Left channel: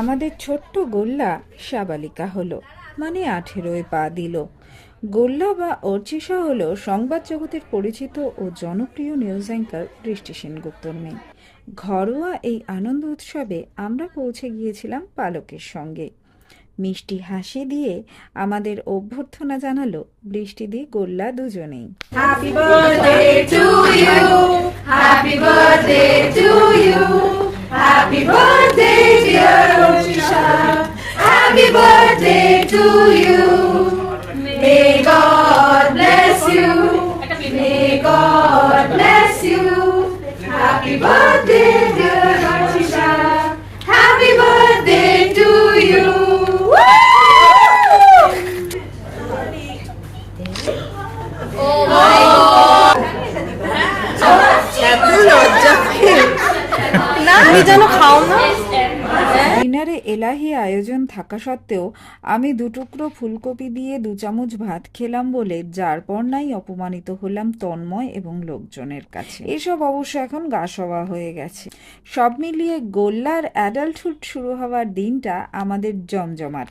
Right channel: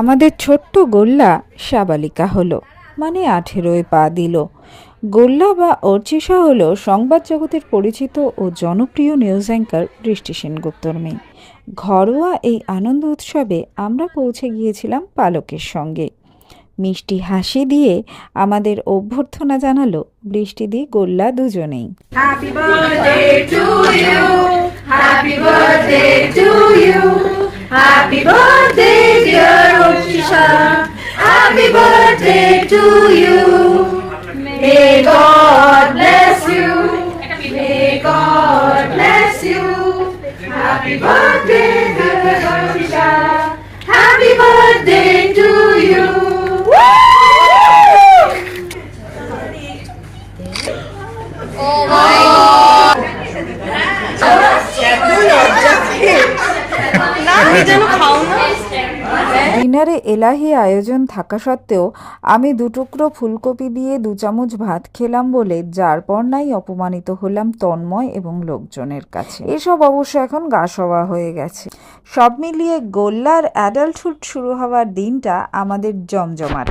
আমাদের ছোট্ট গোল্লা সাবালিকা হলো, মানে 18 পা দিল। গোল্লা বা অর্চিষা হলো সংবাদ জগতের পরিচিত ও জনপ্রিয় নিউজ অ্যাঙ্কার বৃষ্টি সেনগুপ্তর মেয়ে। ঘরোয়া এই আনন্দ উৎসবে আমরা পৌঁছে গিয়েছিলাম পালকের সঙ্গে। মিষ্টি হাসি দিয়ে আমাদের অভ্যর্থনা জানালো বৃষ্টিদি গোল্লা দুজনেই। Happy birthday to you, happy birthday to you, happy birthday dear Orchisha, happy birthday to you. May God bless you, may God bless you. Happy birthday dear Orchisha, happy birthday to you. ডিনারে এলাহি আয়োজন থাকা সত্ত্বেও আমি 2 টুকরো ফুলকপি দিয়ে 2 চামচ ভাত খেলাম বলে যার পর নাই অপমানিত হলাম তন্ময় এবং লোকজনের কাছে। এসব অবশ্য এখন গা সওয়া হয়ে গেছে। সব মিলিয়ে গোল্লার অ্যাডাল্টহুড শুরু হওয়ার দিনটা আমাদের জমজমাট।